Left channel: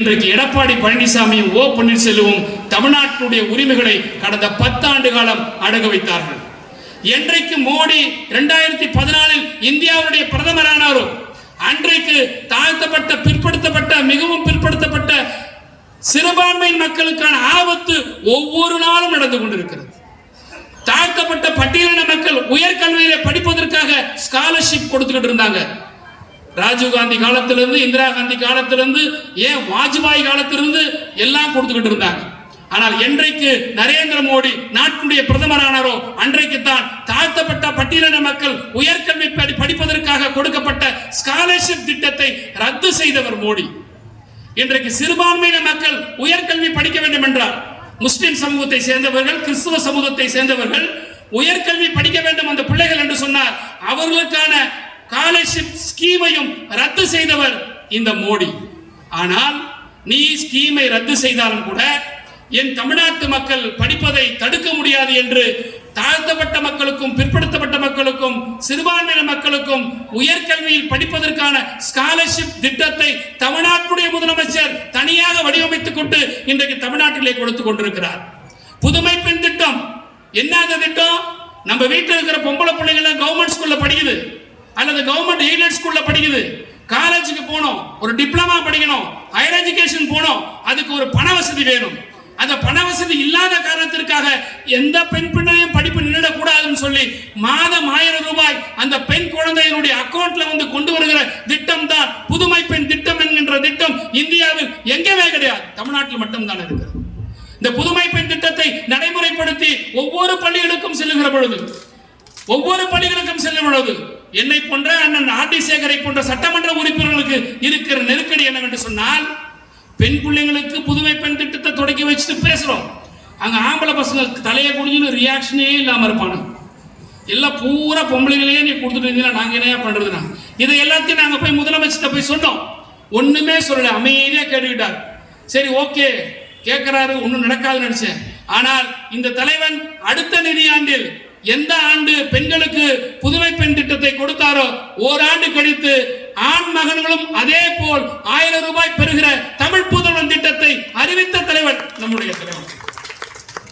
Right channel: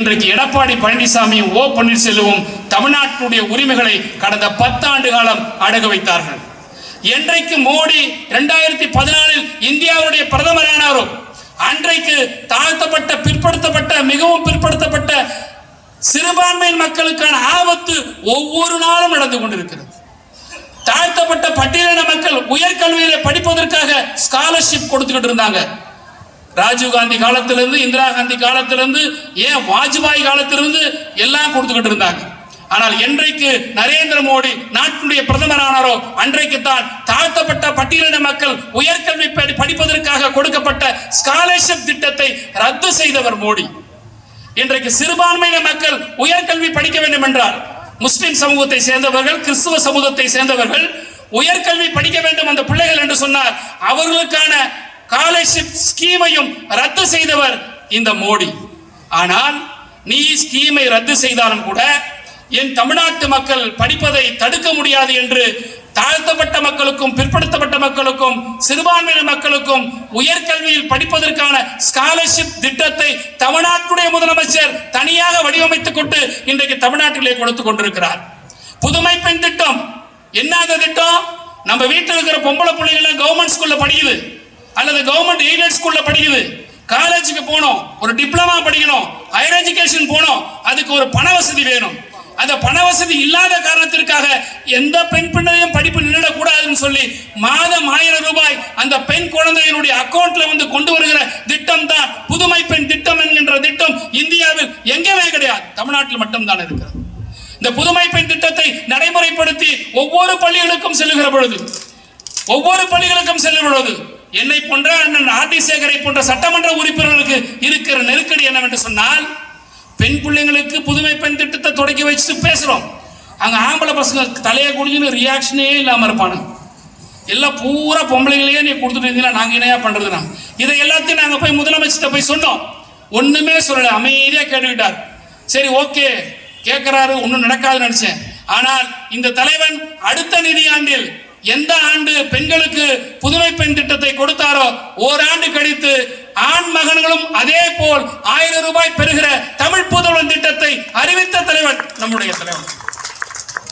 இன்றைக்கு எடப்பாடி பழனிசாமியும் ஓ பன்னீர்செல்வமும் தமிழ்நாட்டுடைய உரிமைகளை கடந்த 10 ஆண்டு காலம் அடகு வைத்தார்கள். என்றைக்கு மோடி 2014 இந்தியாவுடைய பிரதமரானாரோ அன்றைக்கு தாழ்த்தப்பட்ட பிற்படுத்தப்பட்ட மிகவும் பிற்படுத்தப்பட்ட சிறுபான்மையின் மக்களுக்கான ஆபத்து ஒவ்வொரு நாளும் நடந்து கொண்டிருக்கிறது. தாழ்த்தப்பட்ட பட்டியலின மக்கள் உயர்கல்வியிலே படிப்பதற்காக ஸ்காலர்ஷிப் கொடுத்துக்கிட்டு இருந்தாங்க. ராஜீவ் காந்தி காலத்திலிருந்து இந்திரா காந்தி காலத்திலிருந்து ஏன் வாஜ்பாய் காலத்திலிருந்து எல்லாம் கொடுத்துக்கிட்டு இருந்தாங்க. ஆனால் என்றைக்கு நரேந்திர மோடி நாட்டுடைய பிரதமரானாரோ அன்றைக்கு தான் தாழ்த்தப்பட்ட பட்டியலின மக்கள் உயர்கல்வி படிப்பதற்காக கொடுக்கப்பட்ட ஸ்காலர்ஷிப் திட்டத்தை ரத்து செய்தவர் மோடி. இன்றைக்கு சிறுபான்மையின மக்கள் உயர்கல்வி படிக்க வேண்டும் என்றால் முஸ்லிம் சமூகத்தை சேர்ந்தவர்கள் கிறிஸ்துவ சமூகத்தை சேர்ந்தவர்கள் உயர்கல்வி படிக்க வேண்டும் அந்த பிள்ளைகள் என்று சொன்னார். அவர்களுக்கான ஸ்காலர்ஷிப் ஸ்கீமையும் ரத்து செய்தவர் இந்த மோடி. ஆனால் நீ ஸ்கீமை ரத்து செய்தாலும் கூட என் தமிழ்நாட்டு மக்கள் படிப்பதை தடுக்க முடியாது என்று தாழ்த்தப்பட்ட மக்களுக்கும் பிற்படுத்தப்பட்ட மக்களுக்கும் சிறுபான்மையின மக்களுக்கும் உயர்கல்வியில் படிப்பதற்கான ஸ்காலர்ஷிப் திட்டத்தை தமிழ்நாட்டுடைய முதலமைச்சர் தனியாக வடிவமைத்துக் கொண்டு இன்றைக்கு தமிழ்நாட்டிலே கொடுத்து கொண்டிருக்கிறார். புதுமை பெண் திட்டம் என்ன திட்டம்? நம்ம வீட்டில் இருக்கிற பொம்பளை பிள்ளைகளை கவர்மெண்ட் ஸ்கூல்ல படிக்குது அல்லது கவர்மெண்ட் எய்டட் ஸ்கூல்ல படிக்குது. காலேஜுக்கு போகணும், ஒரு டிப்ளமா படிக்கணும், ஹையர் எஜுகேஷன் போகணும், அதுக்கு ஒரு பண வசதி வேணும். அந்த பண வசதி இல்லாத காரணத்திற்காக எந்த பெண் பிள்ளையும் படிப்பு நின்றுடக்கூடாதுன்னு சொல்லி மாதம் 1000 ரூபாய் அந்த பெண் குழந்தையினுடைய அக்கௌண்ட்ல வந்து கொண்டு வருகிற திட்டம் தான் புதுமை பெண் திட்டம் என்கின்ற திட்டம். இந்தியாவில் எங்கேயுமே கிடையாது, தமிழ்நாட்டில் மட்டும்தான் இருக்கிறது. இந்த புதுமை பெண் திட்டத்தை நடைமுறைப்படுத்தி ஒவ்வொரு பள்ளிகளுக்கும் செல்லுகிற பொழுது என்னை போன்ற அண்ணன் ஆர் டி சேகரை போன்ற சட்டமன்ற உறுப்பினர்களுக்கு இருக்கிற நெருக்கடி என்னவென்று சொன்னால், பெண் பிள்ளைங்களுக்கு புதுமை பெண் திட்டத்தை தொடக்கி வச்சுட்டு பேசுறோம். அங்க ஆம்பளை பசங்க தலையை குடிஞ்சுன்னு ரியாக்ஷனே இல்லாம இருப்பானு. எல்லாம் பூரா பொம்பளைங்களையே நீ கொடுத்துட்டு இருந்தீங்கன்னா நாங்க என்னையா பண்றதுனா இதை எல்லாத்தையும் நாங்க போய் முதலமைச்சர்கிட்ட போய் சொன்னோம். ஒண்ணுமே சொல்லல, அமைதியா கேட்டுக்கிட்டார். சரி ஓகே கேட்கிறாரு, ஒன்னும் நடக்காதுன்னு நினைச்சேன். ஆனால் இந்த தலைவன் அடுத்த நிதியாண்டில் எந்த ஆண்டு பெண்களுக்கு புதுமை பெண் திட்டத்தை கொடுத்தாரோ ஓராண்டு கழித்து ஆண் மகன்களும் அதே போல் 1000 ரூபாய் பெறுகிற தமிழ் புதுவன் திட்டத்தை அறிவித்த தலைவன் நம்முடைய தலைவன்.